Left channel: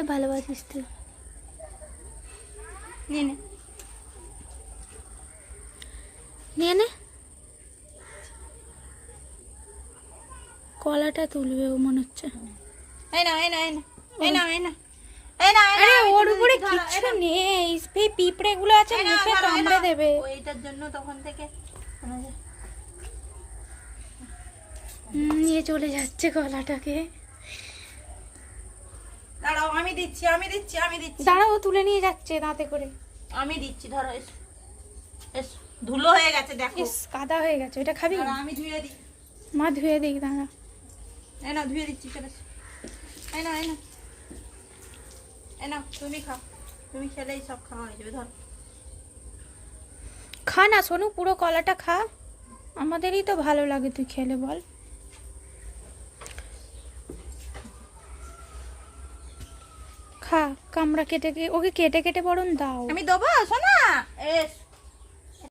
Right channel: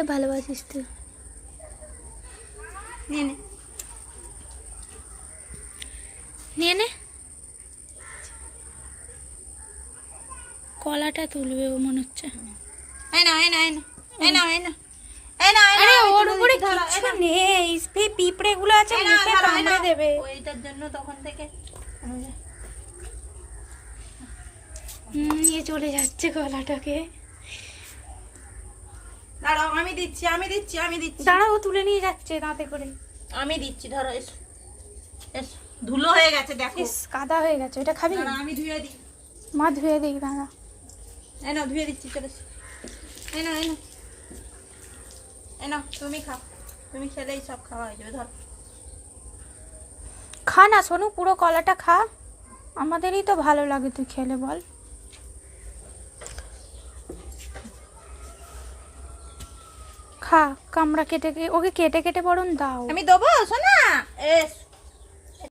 খেতে ভালোবাসিস তুই। নে নে নিয়ে নে। কলাটা তুলবে ও মনে হচ্ছে। এই না এই না এই না এই না এই না আরে ওর উপরে কিছু নেই, পিঁপড়ে গুলো আছে, মুখে কামড়ে দেবে। ওইটার জন্য তখন থেকে নিয়ে চলে যাচ্ছে কলাটাকে। দাঁড়াও, আমি দিচ্ছি আমি দিচ্ছি আমি দিচ্ছি দাঁড়াও, তুলে নিয়ে যাচ্ছে দাঁতে করে। আমি দিচ্ছি, ধরো এসো এসো। ধুলো হয়ে গেছে দেখো। ইস, কাদা হয়ে গেছে। ওটা খাবি? দাঁড়াও, আমি ধুয়ে দিই। মা ধুয়ে দিই, দাঁড়া। এই নাও ধুয়ে দিচ্ছি, চলে এসো। এই নাও এই নাও এই নাও, তুমি খাও, তুমি খেলেই সব খাওয়া হয়ে যাবে। ধরো খা না সোনু, পুরো কলাটা খা, আমাদেরই তো ভালো লাগে তুই খেলে, বল। খা, কামড়া কেটে ওকে কেটে কেটে বরং দাও। আমি দেবো, শোনা এস